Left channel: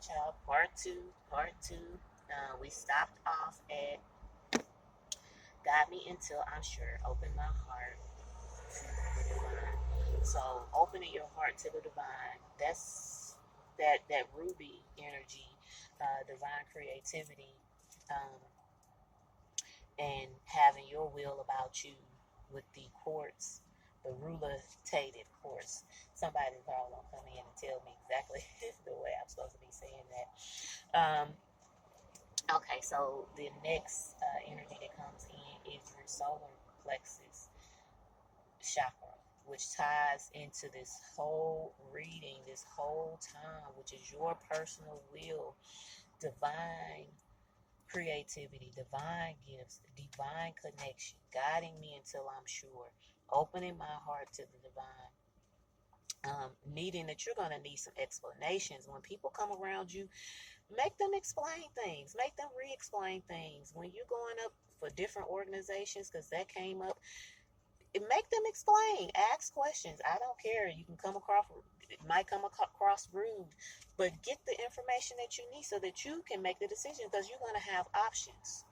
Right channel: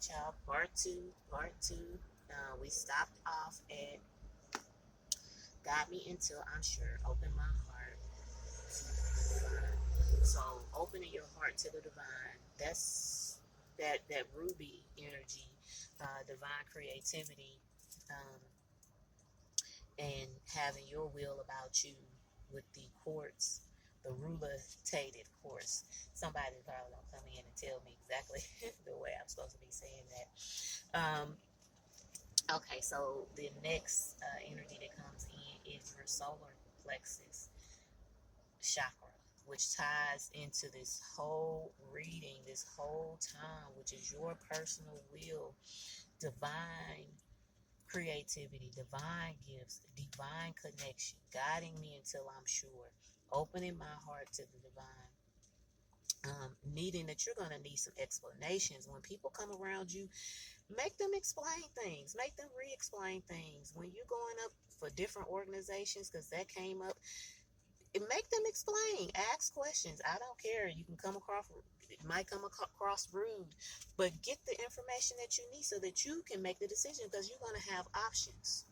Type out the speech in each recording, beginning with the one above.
right, y'all. Part two. Part two. We stopped off at got me until I'm sure. Open my heart to the divine. So opening your heart to the divine. That's that ruby energy, divine creativity, um, and having your will about you with the quartz, the rulitated quartz. Somebody probably gonna come in and tell me exactly the way I'm supposed to be saying that. Okay, so the next energy that comes in is your solar plexus chakra, which ties into this whole reading, this whole time, which is your personal will, divine creativity, divine gifts, divine connection, guiding me until I'm sure, opening my heart to the divine. Needing that you're going to need some explanations. When people come around you, make them explain things, make them re-explain things. When you're going up for different organizations, because that came up, make them explain, ask questions. I don't care. You can come across, it might come across rude, but get the information that you need so that you can make the decision, because you're going to have options.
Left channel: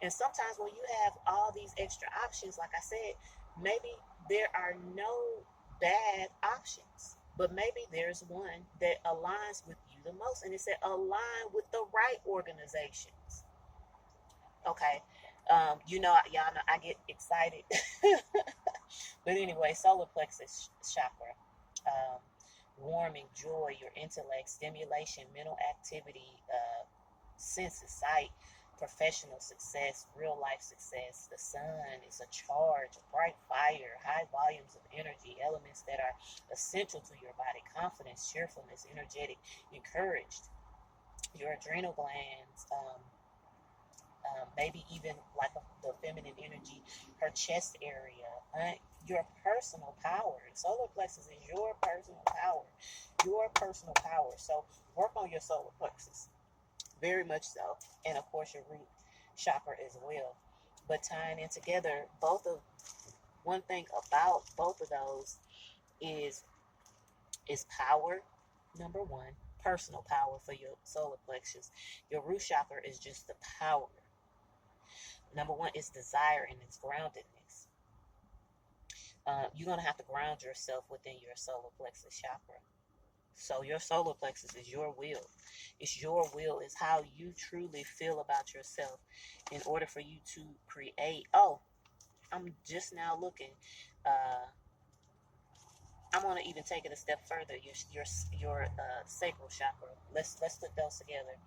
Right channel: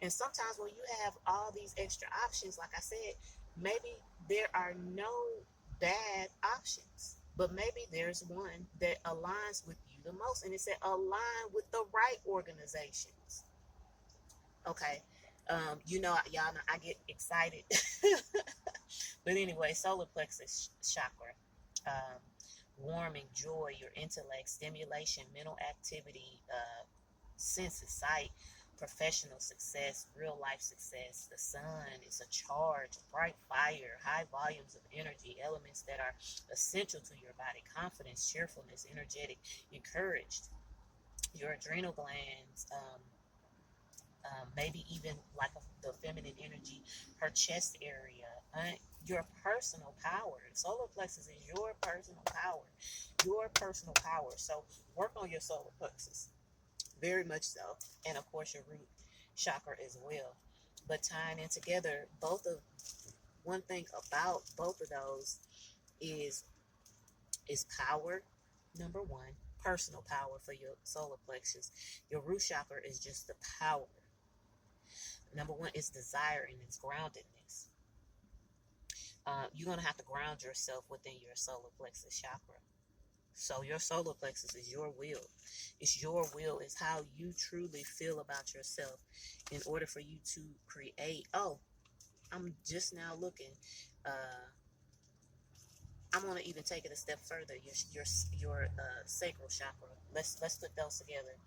And sometimes when you have all these extra options, like I said, maybe there are no bad options, but maybe there's one that aligns with you the most. And it said align with the right organizations. Okay. Y'all know I get excited. But anyway, solar plexus chakra, um, warming, joy, your intellect, stimulation, mental activity, senses, sight, professional success, real life success. The sun is a charge, a bright fire, high volumes of energy, elements that are essential to your body, confidence, cheerfulness, energetic, encouraged. Your adrenal glands, maybe even like the feminine energy, her chest area, your personal power. Solar plexus is your personal power, your personal power. So work on your solar plexus, very much so, and of course your root chakra as well. But tying in together, both of one thing about both of those is is power. Number one, personal power for your solar plexus. Your root chakra is just the power. Number one is desire and its groundedness. You're going to have to ground yourself within your solar plexus chakra. So your solar plexus is your will. It's your will. It's how you truly feel about yourself in order for you to create. Oh, I'm just now looking. Uh, I'm going to even take it a step further. Your sacral chakra. Let's put those together.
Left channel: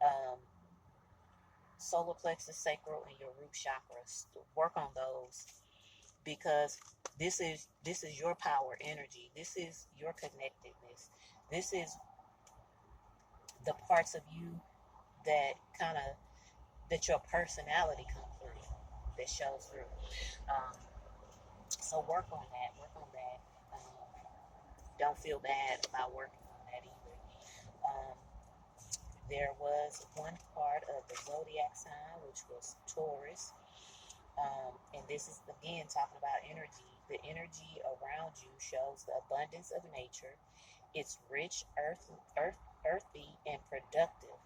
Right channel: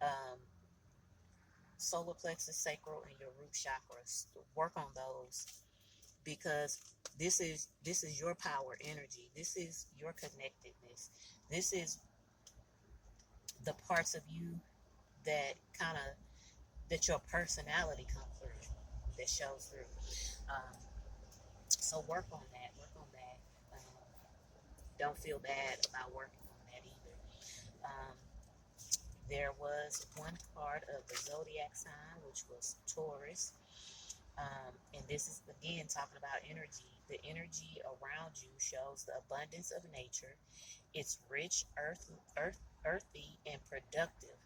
Um, Solar plexus, sacral, and your root chakras. Work on those, because this is your power energy. This is your connectedness. This is the parts of you that kind of that your personality comes through, that shows through. Um, so work on that. Work on that. Don't feel bad about working on that either. Um, there was one part of the zodiac sign, which was Taurus. And this is again talking about energy. The energy around you shows the abundance of nature. It's rich, earthy, and productive,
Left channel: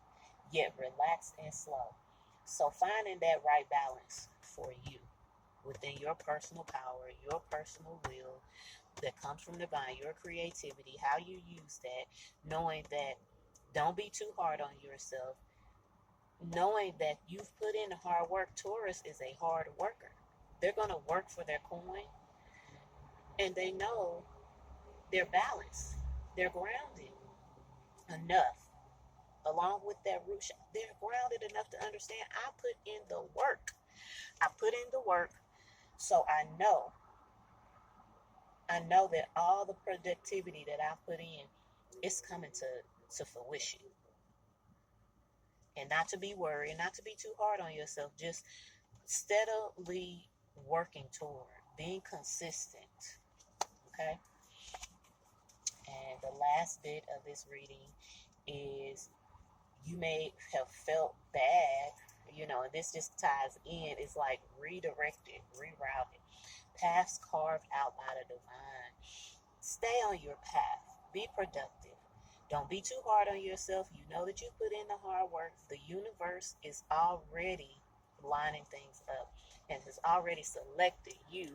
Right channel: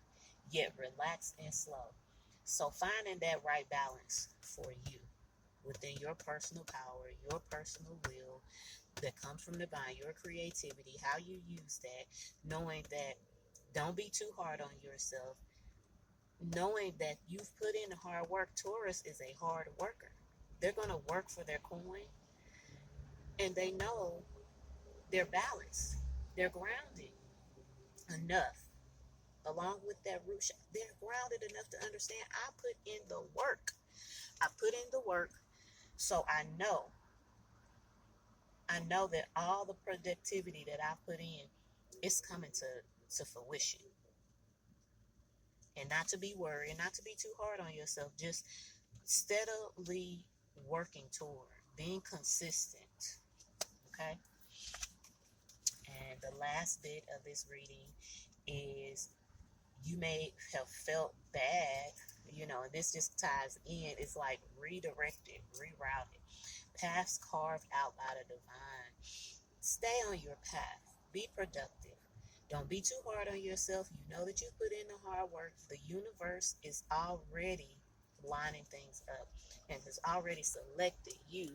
yet relaxed and slow. So finding that right balance for you within your personal power, your personal will that comes from divine, your creativity, how you use that, knowing that don't be too hard on yourself, knowing that you've put in the hard work. Taurus is a hard worker. They're going to work for their coin, and they know they're balanced, they're grounded enough. Along with that root, they're grounded enough to understand I put in the work. I put in the work, so I know that all the productivity that I put in is coming to fruition. And not to be worried, not to be too hard on yourself, just steadily working toward being consistent. Okay. And the last bit of this reading is you may have felt bad, and this just ties in. It's like redirected, rerouted, paths carved out by the divine. Stay on your path, be productive, Don't be too hard on yourself. You know that you put in the hard work. The universe is already lining things up and has already selected you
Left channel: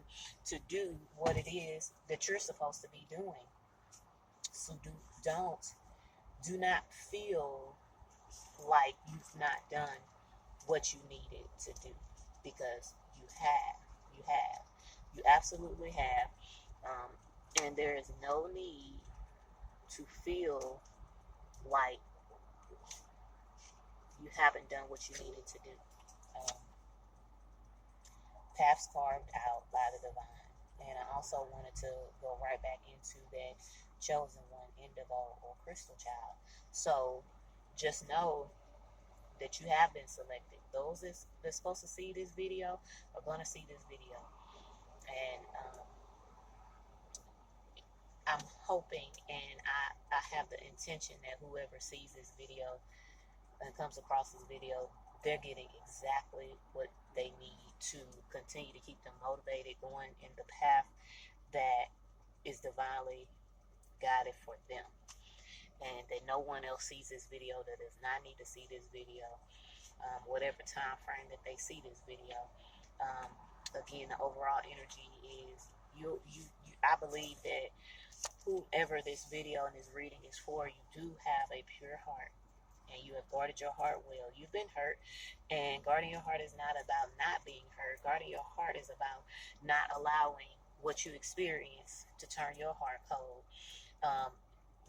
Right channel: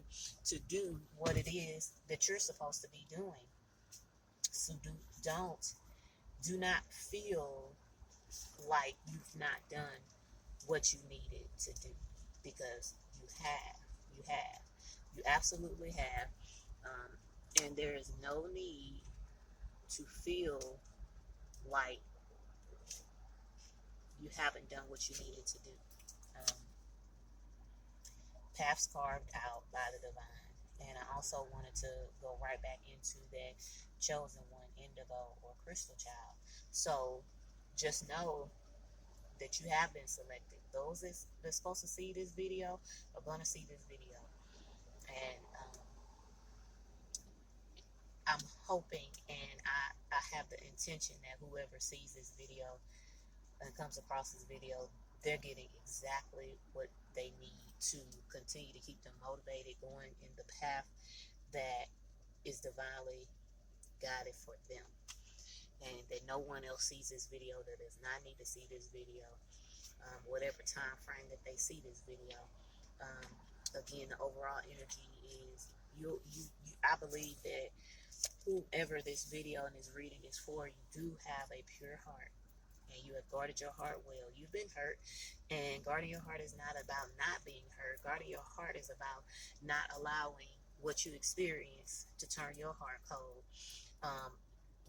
to do what it is that you're supposed to be doing. So don't do not feel like you've not done what you needed to do, because you absolutely have. And there is no need to feel like you haven't done what you needed to do. Um, Paths carved out by the divine. And I also wanted to go right back into that chosen one, indigo or crystal child. So just know that you have been selected. Those that's supposed to see this video are going to see this video. And I'm hoping, and I have the intention that whoever sees this video and comes across this video, they're getting exactly what they need to continue to keep them motivated, going in the path that is divinely guided for them. And that no one else sees this video that does not need to see this video, whatever time frame that they see this video. Again, the overall energy is you. I believe that whoever this video and this reading is for, you do have a pure heart and you have guarded your heart well. You've been hurt, and guarding your heart is not about not being hurt. Guarding your heart is about not allowing what you experience to turn your heart cold.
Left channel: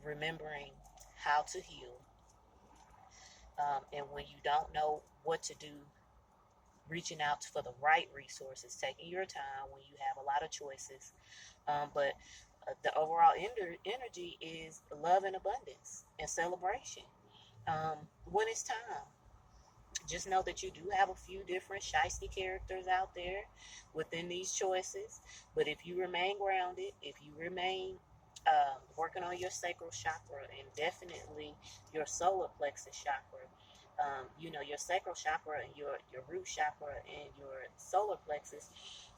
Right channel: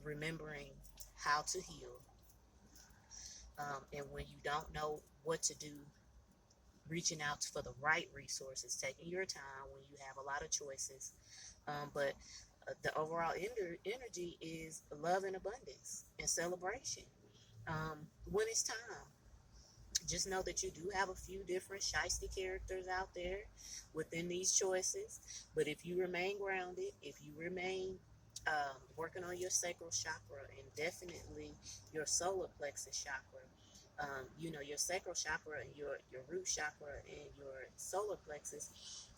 Remembering how to heal, and when you don't know what to do, reaching out for the right resources, taking your time when you have a lot of choices. But the overall energy is love and abundance and celebration. When it's time, just know that you do have a few different shiesty characters out there within these choices. But if you remain grounded, if you remain working on your sacral chakra and definitely your solar plexus chakra, your sacral chakra and your root chakra and your solar plexus,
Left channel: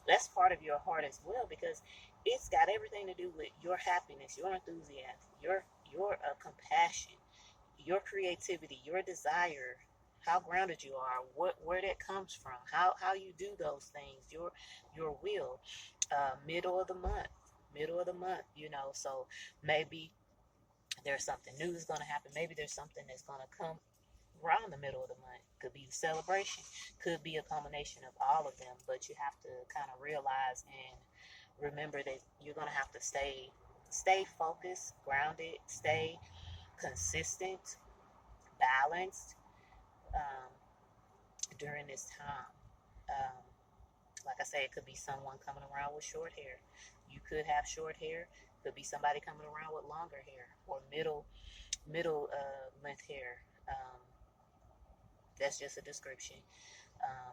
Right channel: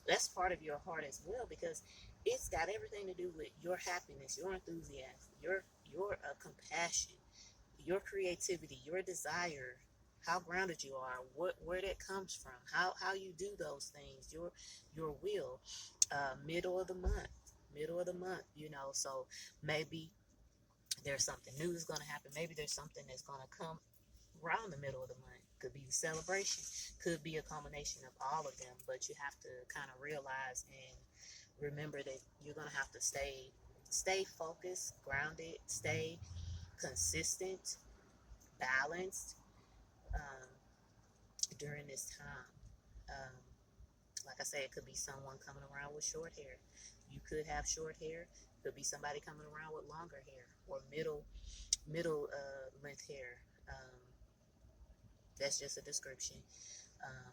that's part of your heart as well, because it's got everything to do with your happiness, your enthusiasm, your compassion, your creativity, your desire, how grounded you are, where that comes from, how you do those things, your will. Middle of the month, so maybe there's something new that's going to happen. Maybe there's something that's going to come around the middle of the month. Could be a celebration, could be a combination of all of them, but you have to kind of realize and remember that you're going to have to stay focused, grounded, stay consistent, balanced, um, during this time. Um, like I said, it could be someone coming around with short hair. You could have short hair. Could be somebody coming around with longer hair or middle length hair. That's just a description. Um,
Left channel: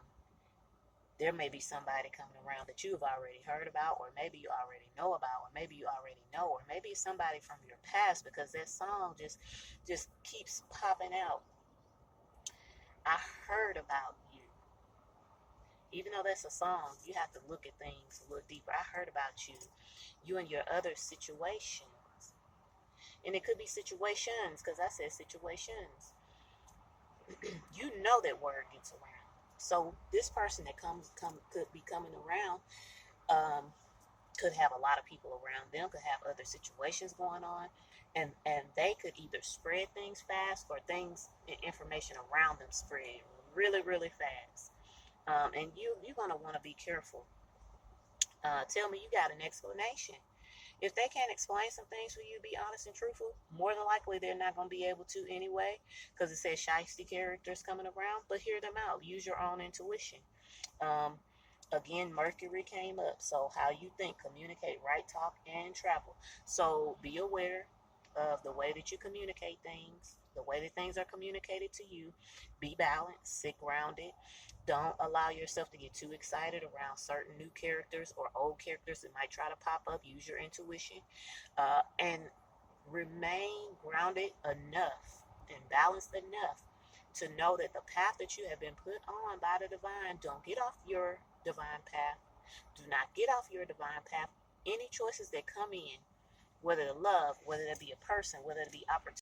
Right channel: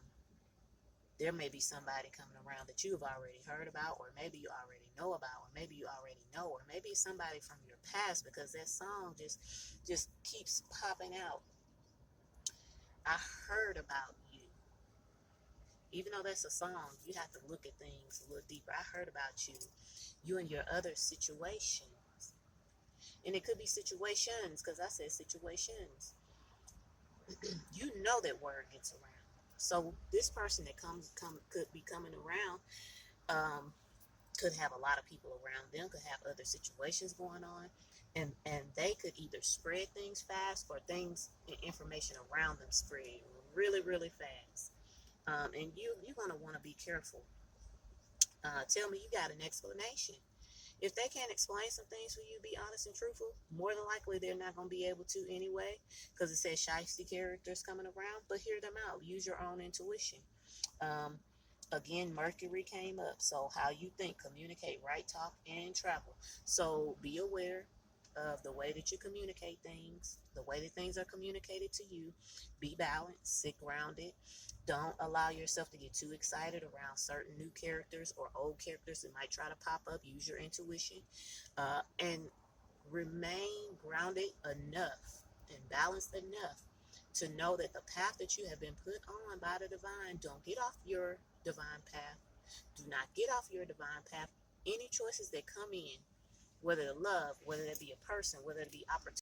there may be somebody coming around that you've already heard about, or maybe you already know about, or maybe you already know, or maybe it's somebody from your past, because that song just keeps popping out. I heard about you. Even though that's a song, you have to look at things a little deeper. I heard about you and your other situations. And it could be situations, because I said situations. You know that word gets around. So this person that could be coming around, could have a lot of people around them, could have other situations going on, and they could either spread things fast, or information around them spread really, really fast. And you're going to want to be careful. Tell me you got an explanation. If they can't explain some things for you, be honest and truthful, more than likely they're not going to be able to anyway, because it says shiesty characters coming around. But hear them out. Use your own intuition. Again, Mercury came up. So how you think, communicate, write, talk, and travel. So be aware of the way that you communicate things, the way that things are communicated to you. Be balanced, sit grounded. Don't allow yourself to get too excited around certain new characters or old characters that might try to pop up. Use your intuition, and remain grounded enough and balanced enough to know that the path that you have been put on by the divine, don't get off your divine path. Do not get off your divine path. Any choices that come in, whether to love, whether it be a person, whether it be opportunity,